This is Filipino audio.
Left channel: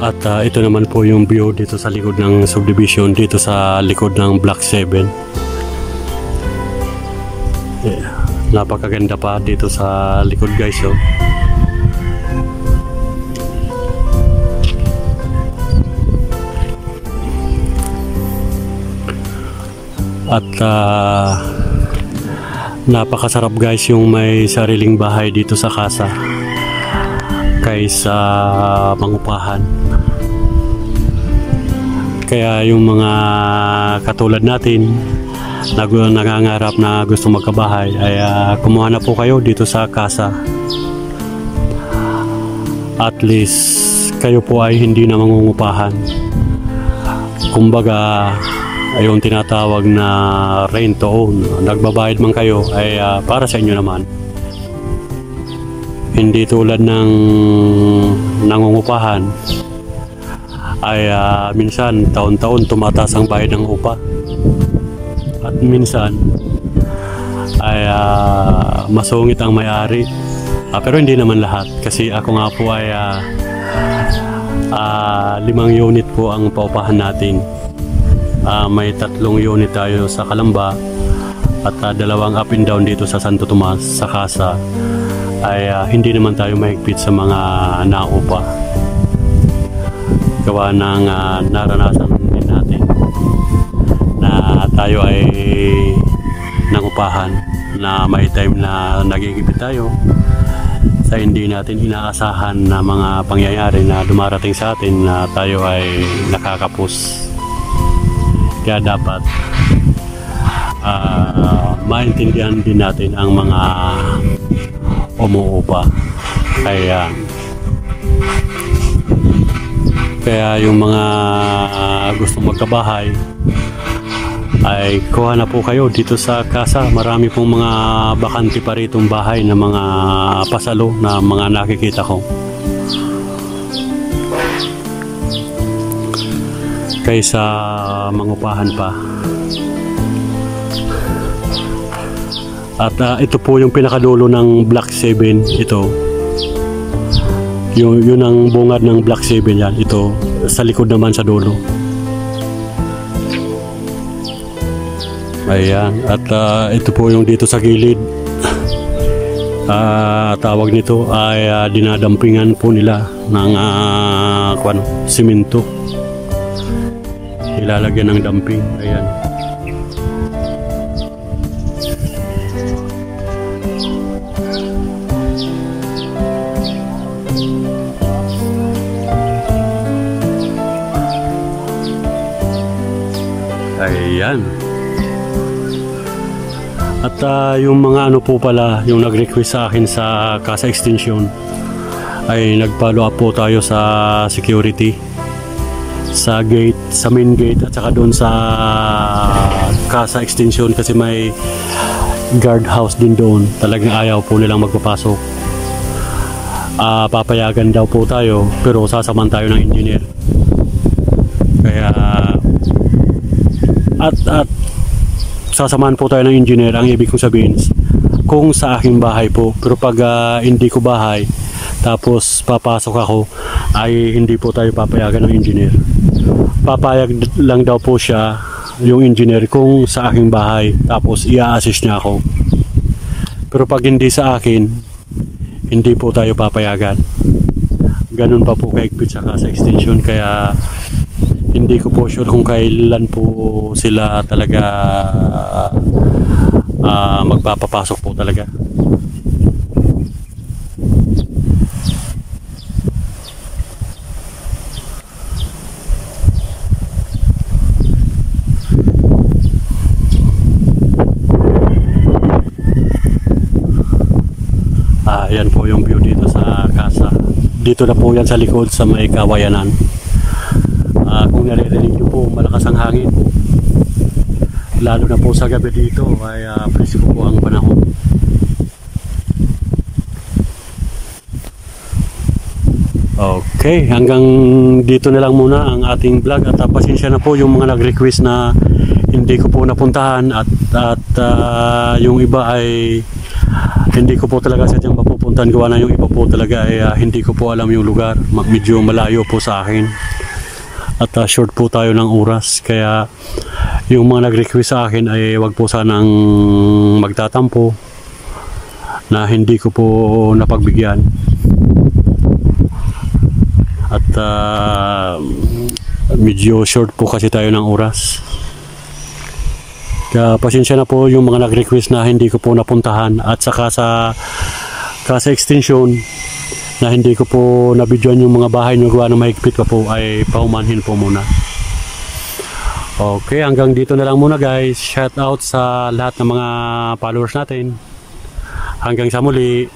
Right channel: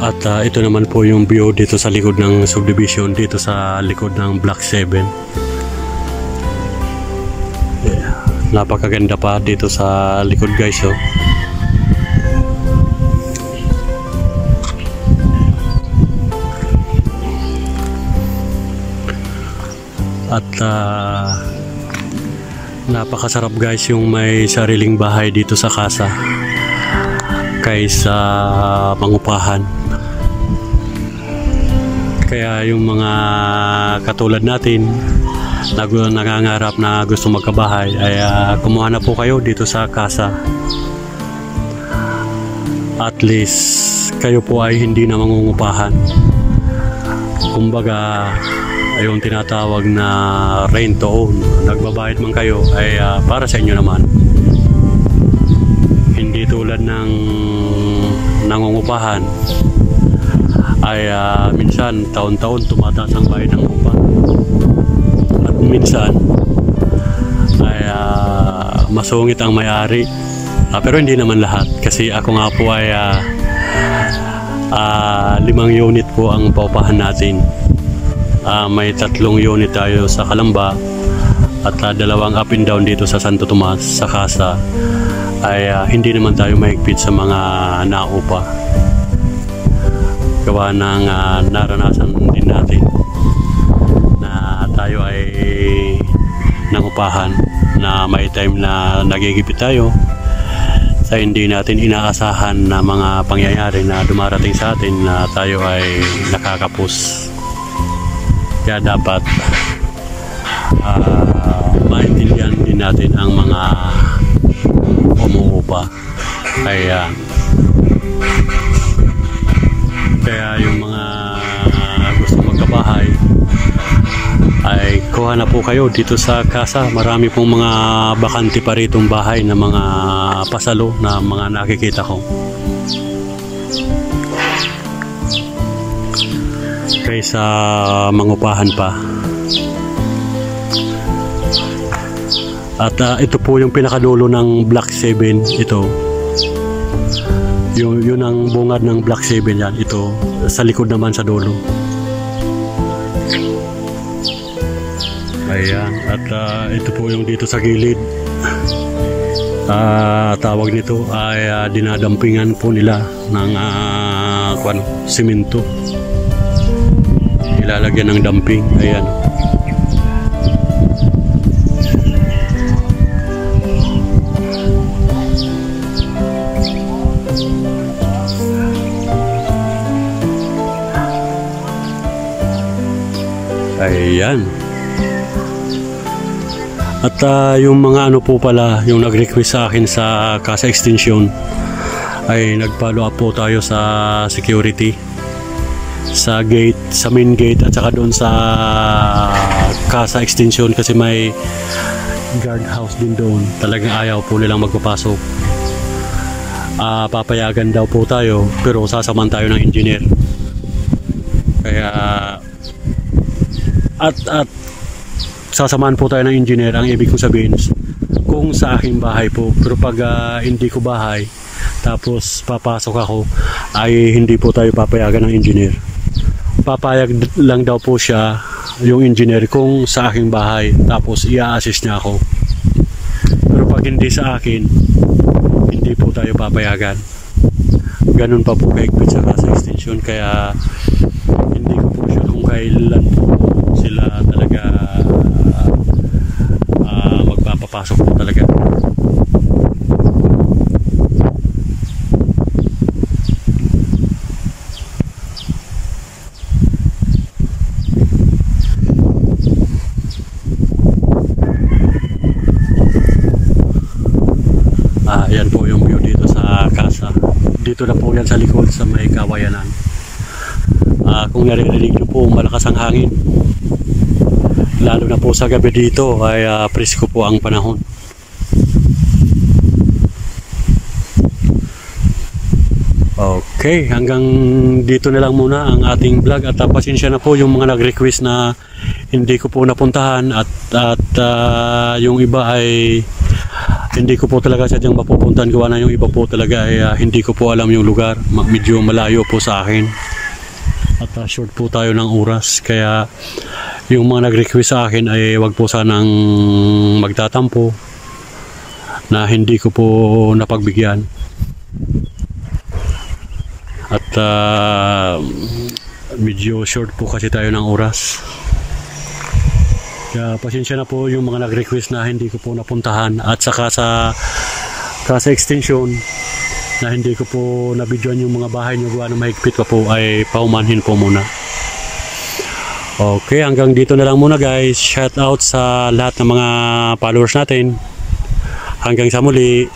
At ito naman po yung view dito sa likod ng subdivision, dito sa likod ng Block 7. Yeah. Napakaganda pa dito sa likod guys, oh. At napakasarap guys yung may sariling bahay dito sa casa kaysa mangupahan. Kaya yung mga katulad natin na nangangarap na gusto magkabahay ay kumuha na po kayo dito sa casa. At least kayo po ay hindi na mangungupahan. Kumbaga yung tinatawag na rent to own. Nagbabayad man kayo ay para sa inyo naman. Hindi tulad ng nangungupahan ay minsan taon-taon tumataas ang bayad ng upa. At minsan ay masungit ang may-ari. Pero hindi naman lahat, kasi ako nga po ay 5 unit po ang paupahan natin. May 3 unit tayo sa Calamba at 2 up and down dito sa Santo Tomas sa casa. Ay hindi naman tayo mahigpit sa mga naupa. Gawa ng naranasan din natin na tayo ay nangupahan na may time na nagigipit tayo sa hindi natin inaasahan na mga pangyayari na dumarating sa atin na tayo ay nakakapos. Kaya dapat maintindihan din natin ang mga umuupa. Kaya yung mga gusto magkabahay ay kuha na po kayo dito sa casa. Marami pong mga bakante pa ritong bahay na mga pasalo na mga nakikita ko. Kaysa mangupahan pa. At ito po yung pinakadulo ng Block 7. Ito yun ang bungad ng Block 7 yan. Ito sa likod naman sa dulo. Ayan. At ito po yung dito sa gilid. Tawag nito ay dinadampingan po nila ng simento. Ilalagyan ng damping. Ayan. Ayan. At yung mga ano po pala, yung nag-request sa akin sa Casa Extension ay nag-follow up po tayo sa security sa gate, sa main gate at saka doon sa Casa Extension kasi may guard house din doon. Talagang ayaw po nilang magpapasok. Papayagan daw po tayo pero sasaman tayo ng engineer. Kaya at sasamahan po tayo ng engineer. Ang ibig kong sabihin kung sa aking bahay po, pero pag hindi ko bahay tapos papasok ako ay hindi po tayo papayagan ng engineer. Papayag lang daw po siya yung engineer kung sa aking bahay tapos i-assist niya ako. Pero pag hindi sa akin hindi po tayo papayagan. Ganun pa po kaigpit sa Casa Extension. Kaya hindi ko po sure kung kailan po sila talaga magpapapasok po talaga. Ayan po yung view dito sa casa. Dito na po yan sa likod sa may Kawayanan. Kung naririnig nyo po malakas ang hangin, lalo na po sa gabi dito ay presko po ang panahon. Okay, hanggang dito na lang muna ang ating vlog at pasensya na po yung mga nag-request na hindi ko po napuntahan at yung iba ay hindi ko po talaga sadyang mapupuntahan, gawa na yung iba po talaga ay hindi ko po alam yung lugar, medyo malayo po sa akin at short po tayo ng oras, kaya yung mga nag-request sa akin ay wag po sanang magtatampo na hindi ko po napagbigyan at medyo short po kasi tayo ng oras. Kaya pasensya na po yung mga nag-request na hindi ko po napuntahan, at saka sa extension na hindi ko po nabidyoan yung mga bahay nyo gawa ng mahigpit pa po, ay paumanhin po muna. Okay, hanggang dito na lang muna guys. Shout out sa lahat ng mga followers natin. Hanggang sa muli.